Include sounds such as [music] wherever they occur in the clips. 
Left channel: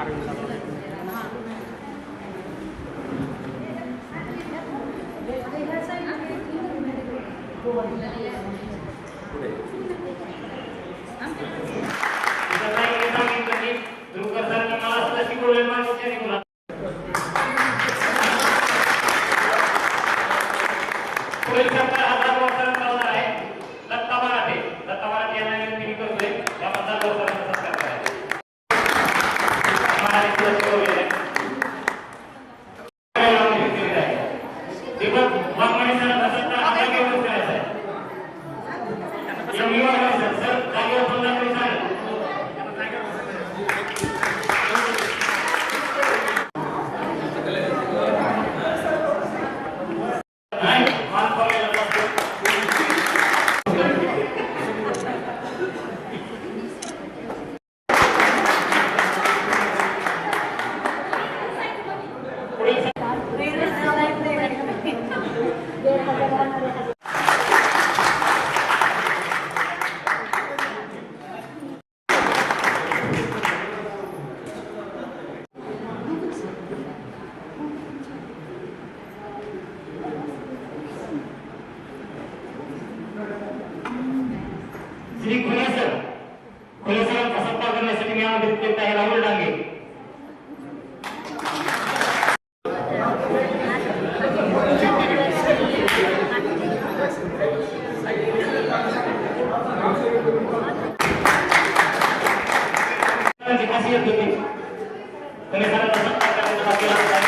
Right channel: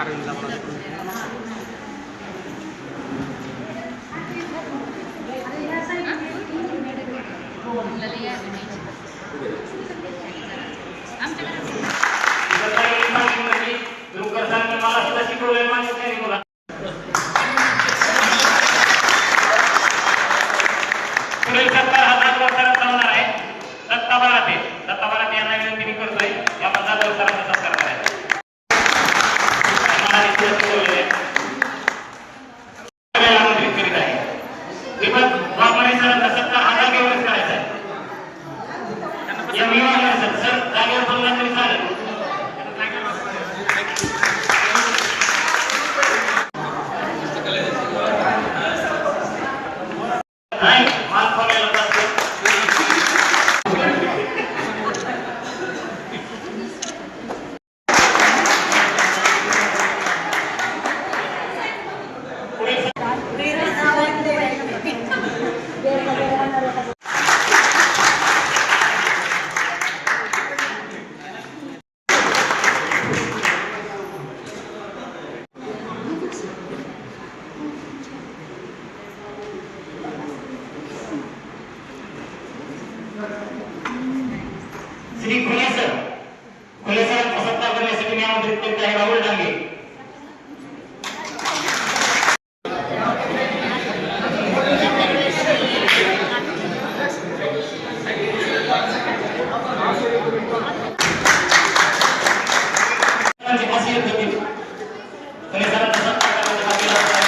I'm निर्णय मी करतोय. या मतदारसंघाचा श्री फुले सर. फुले सत्कार करण्यासाठी मी आमंत्रित करीत आहे राहुल डांगे. करण्यासाठी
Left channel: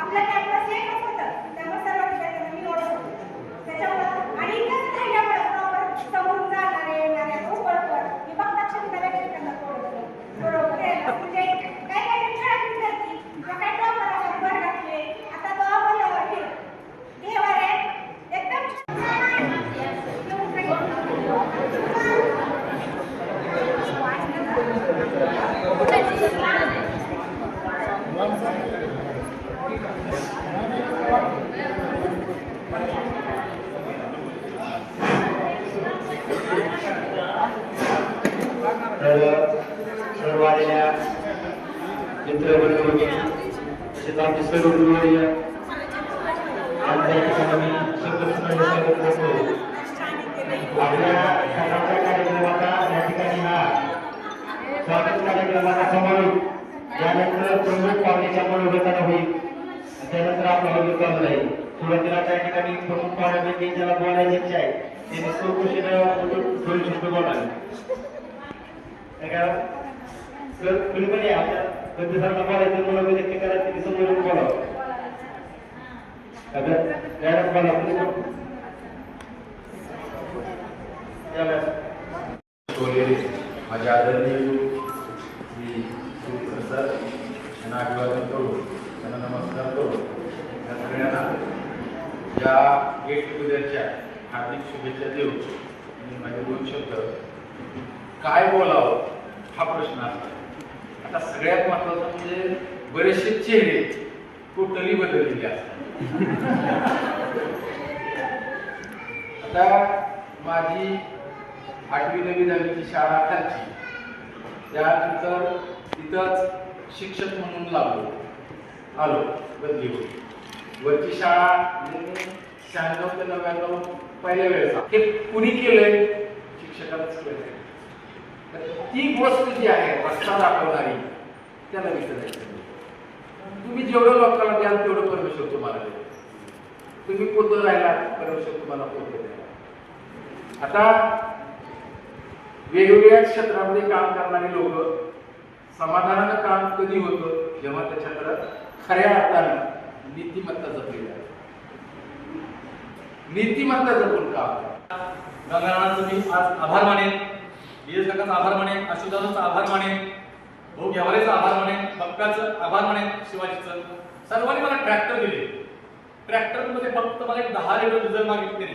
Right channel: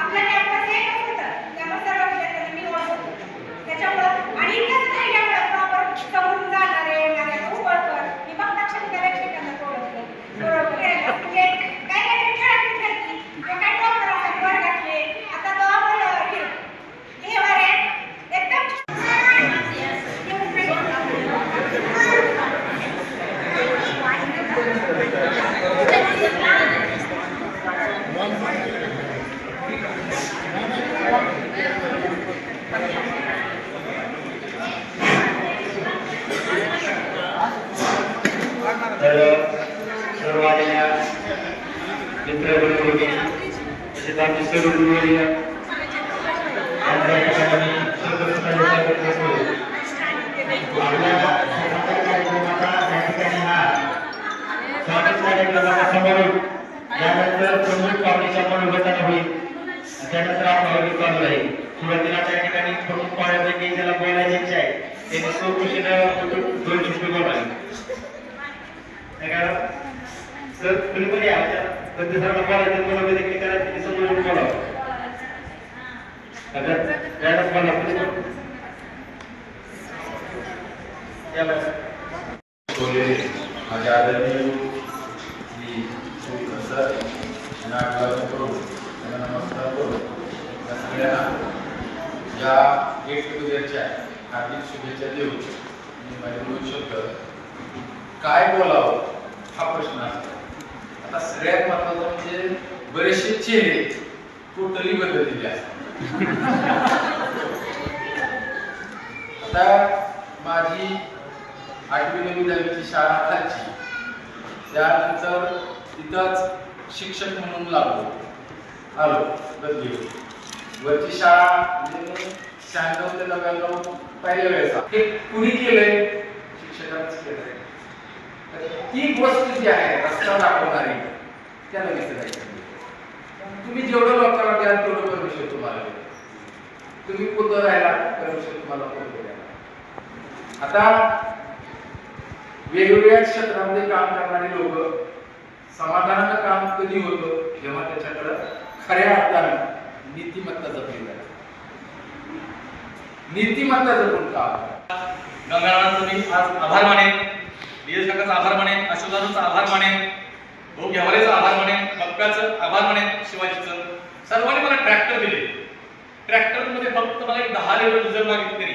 आपला कॅम्पस एकच तर त्यामुळे सर्व विद्यार्थ्यांना मी ओळखतो त्याच्यामुळं आणि त्यानंतर आपला हवी चालू आहे सुरुवातीला त्या ठिकाणी प्रमुख पाण्यापैकी ज्याला बोलायला इच्छा आहे त्यांनी चौकशी दोन शब्द बोलावे तर तुम्ही पण या प्रतिसादाला बोलायचं मला मी देखील करायचं समोरून बोलावं आता त्यालाच बोला माझे आदरणीय मी सर यांना अभिवादन करू. त्यांना नमस्कार करू. त्या सगळ्यांना या गेट टुगेदरच्या हार्दिक शुभेच्छा देऊ. मी माझे दोन शब्द. काय बोलावं हा प्रश्न असतो. आता सगळ्यात महत्त्वाचा म्हणजे बरेचसे चेहरे टोटली बदललेले असतात. [laughs] आता माझी आठवी नवी दहावीची शाळा खालची. त्यानंतर तिथंच शिक्षक म्हणून लागलो. आलो बदली होती वरची शाळा म्हणजे शहाण्णव ते नव्याण्णव पहिल्या वेळेचा. हे कुणी केलंय? शिक्षकांच केलंय. तर ती गोष्ट जी आहे रस्ता दाखवणारी त्याला विसरायचं तुम्ही जेवढं लोकांना द्याल तेवढं परमेश्वर तुम्हाला देईल तुम्ही पोतं राहिला परमेश्वर तुम्हाला पोतं द्यायला आता वेगवेगळ्या क्षेत्रामध्ये काम करणारी लोक समाधानाचं काम कधी होतं जेव्हा त्याच्याकडं खऱ्या अर्थानं नीतिमत्ता जपली जाते. नीतिमत्ता जपून काम गंगाराम आज आभार मानेन डीएस काकाचा आभार मानेन अशोकदादांचा आभार मानेन भाऊ घेवालेचा आभार मानेन बक्काचं आभार मानेन शिवाजीचं. सर्वांनी मला ट्रॅक्टर दिले. ट्रॅक्टरमध्ये फक्त मला एक दहा लिटर डिझेल मागितलं तरी.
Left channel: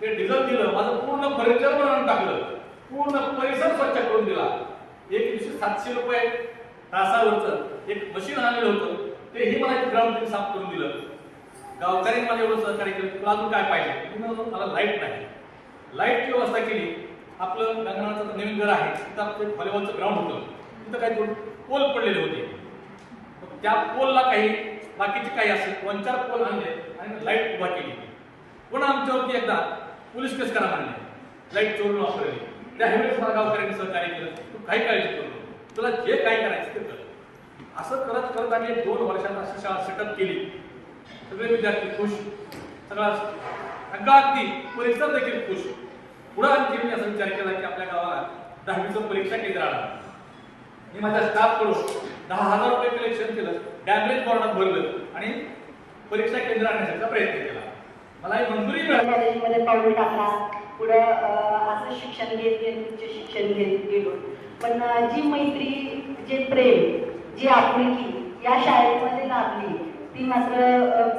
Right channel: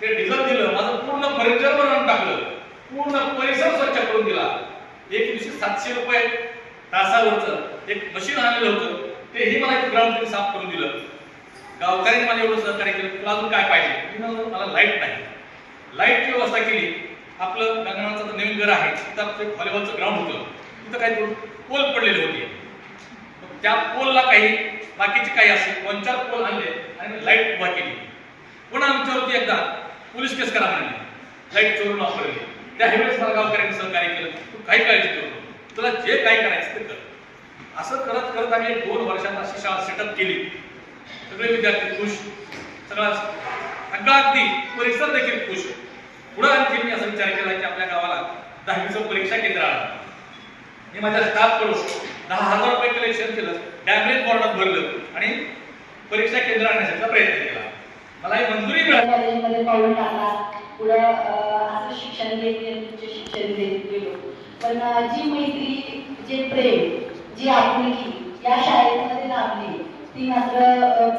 ते डिझेल दिलं माझं पूर्ण फर्निचर बनवून टाकलं. पूर्ण परिसर स्वच्छ करून दिला. एक दिवशी सातशे रुपये तासावरचं एक मशीन आणलेलं होतं. तेही मला एक ग्राउंड त्यांनी साफ करून दिलं. गावकऱ्यांनी मला एवढं सहकार्य केलं. तुला अजून काय पाहिजे? मी मला लाइट नाही. लाईटची व्यवस्था केली. आपलं गंगणाचं नवीन घर आहे. तिथं आपलं व्हॉलीबॉलचं ग्राउंड होतं. तिथं काही पोल पडलेले होते. मग त्या पोलला काही बाकीचे काही असे दोन चार पोल आणले आणि लाइट उभा केली. पुन्हा आमच्यावरती एकदा पोलीस केस करा म्हणले. लाइट चोरून वापरली. त्यावेळेस मला गावकऱ्यांनी सहकार्य केलं. तू काही काळजी करू नको. तुला जे काय करायचं ते कर. असं करत करत आम्ही एक दोन वर्षात अशी शाळा सेटअप केली. सगळे विद्यार्थी खुश. सगळा सगळा अगदी परिसर देखील खुश. पुढे आणखी मी असा विचार केला की आपल्या गावाला दहावीचं परीक्षा केंद्र आणा मी माझ्या स्टाफकडून दहा हजार रुपये कलेक्शन केलं. डॅमरेज बॉर्डात भरलं. आणि परीक्षा केंद्र आणण्याचा प्रयत्न केला. मला ही मंजुरी मिळाली. पाऊल टाकला. पुढं असं शिक्षण घेत घेत उच्च शिक्षण घेत गेलो. पण जी मैत्री जे प्रेम जी आपुलकी या शाळेमध्ये लाभली ती मात्र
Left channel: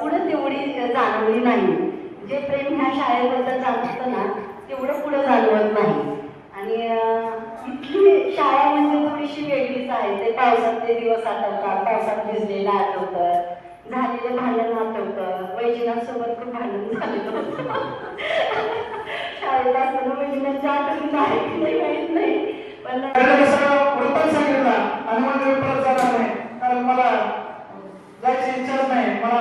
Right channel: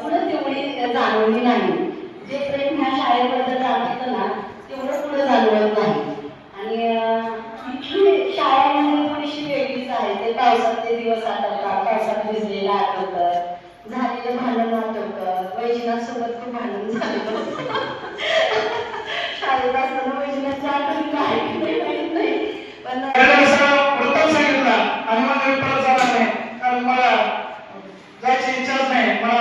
पुढे पुढं तेवढी जाणवली नाही. जे प्रेम ह्या शाळेबद्दल जाणवतं ना तेवढं पुढं जाणवत नाही. आणि इथली शाळा म्हणजे थोडीशी वेगळीच आहे. ते पावसातले दिवस आठवतात पावसात भिजलेलं आठवतात झालेलं भांडण आठवतं वैजनाथसोबत खूप भांडण झालेलं शाळेत असताना वैजनाथच्या आठवणी आहे नाही माहीत नाही. पण त्याला सगळं वृत्तांत सांगितला. आणि मग मी परत जाणार नाही. कारण मला जायची इच्छाच नाही. मला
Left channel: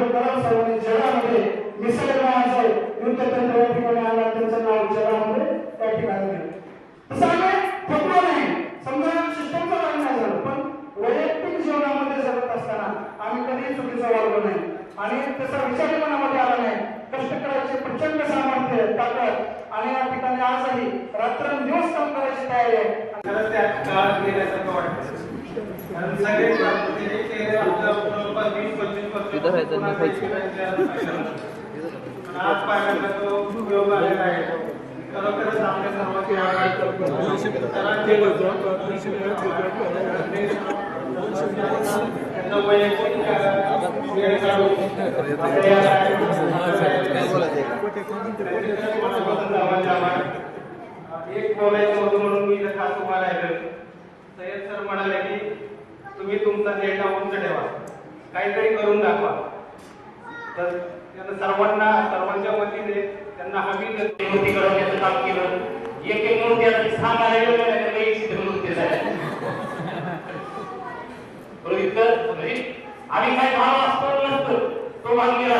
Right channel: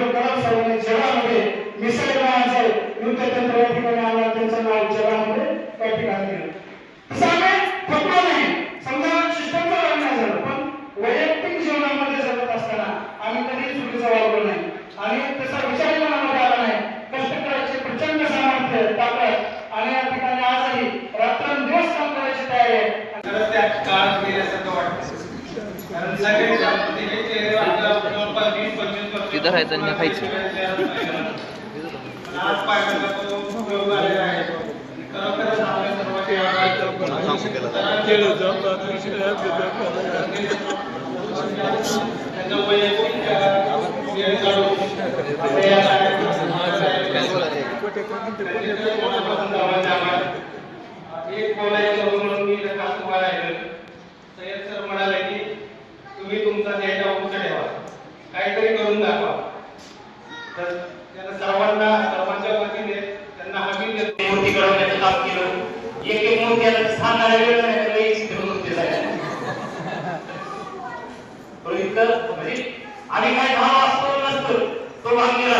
अब्दुल कलाम साहेबांनी जगामध्ये मिसाईल नावाचं युद्ध तंत्र या ठिकाणी आणलं त्यांचं नाव जगामध्ये त्या ठिकाणी दिलं तसं आम्ही थकलो नाही समजा सिस्टमचा भाग नाही झालं पण वैयक्तिक जीवनामध्ये जगत असताना आम्ही कधीही चुकीचा वागलो नाही. आणि तसा विचार मनामध्ये आला नाही. कष्ट करायचे प्रचंड सामर्थ्य ताकद आणि या ठिकाणी आजही रात्रंदिवस काम करायची तयारी आहे. खरंच त्या काळात गेल्यासारखं वाटतं पंचवीस तिथं राहायचं आणि खायचं. आहे आपल्या त्यांना एक बोलायचं म्हणून मी खास उभा राहिलो सय्यद सर म्हणाले की तुम्ही तुमचा डेटा उंच ठेवा. काहीतरी करून दाखवा. तर त्यांना सर्वांना सर्वांच्या वतीने त्यांना हमी देतो. मूर्ती घडवण्याचं काम केलं. एक एक मूर्ती आता सांगायला वेळ नाही चित्र मूर्ती म्हणजे आम्ही काय भाव असतो नसतो तो भाग गेला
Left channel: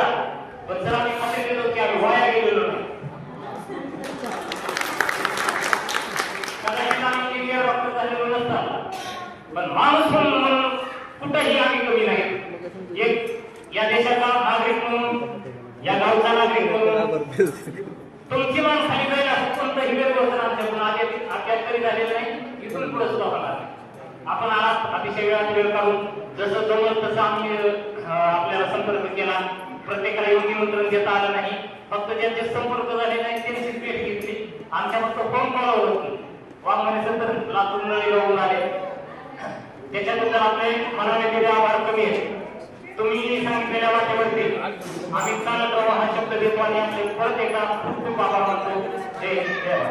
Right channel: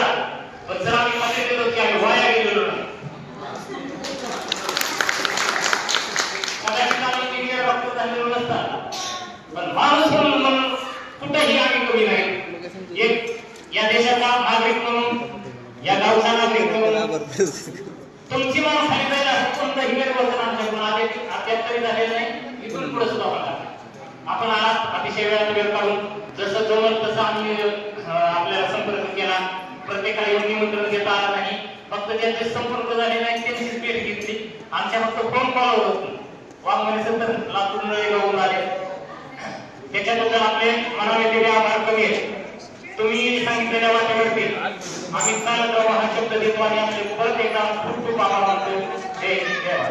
पण जर आम्ही खाते गेलो की आम्ही वाया गेलेलो नाही कदाचित आम्ही इंजिनियर डॉक्टर झालेलो नसतात पण माणूस म्हणून म्हणून कुठंही आम्ही कमी नाही एक या देशाचा नागरिक म्हणून या गावचा नागरिक म्हणून तुमची मान सांगितलं असं कोणतं कोणतंही वेगळं आमच्याकडून अद्याप तरी झालेलं नाही. इथून पुढे सुद्धा होणार आपण आज अतिशय वेळात वेळ काढून जसं जमल तसं आम्ही आपल्याला संपर्क केला. प्रत्येकाला येऊन निमंत्रण देता आलं नाही. फक्त ज्यांचे संपर्क झाले नाही त्यांचीच भेट घेतली. आमच्या फक्त फोन कॉलवर होती. वाघमारे सर तर लातूर नळीगावून आले. त्याच्याबद्दल आपले मनाने तेवढे आभार कमी आहेत. तुम्ही वाटेवरती. आम्ही चालत राहू हा शब्द देतो आणि आपले परत एकदा खूप खूप आभार मानतो. जय देवा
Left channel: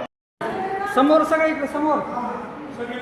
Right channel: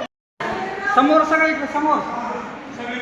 समोर सगळे समोर. सगळी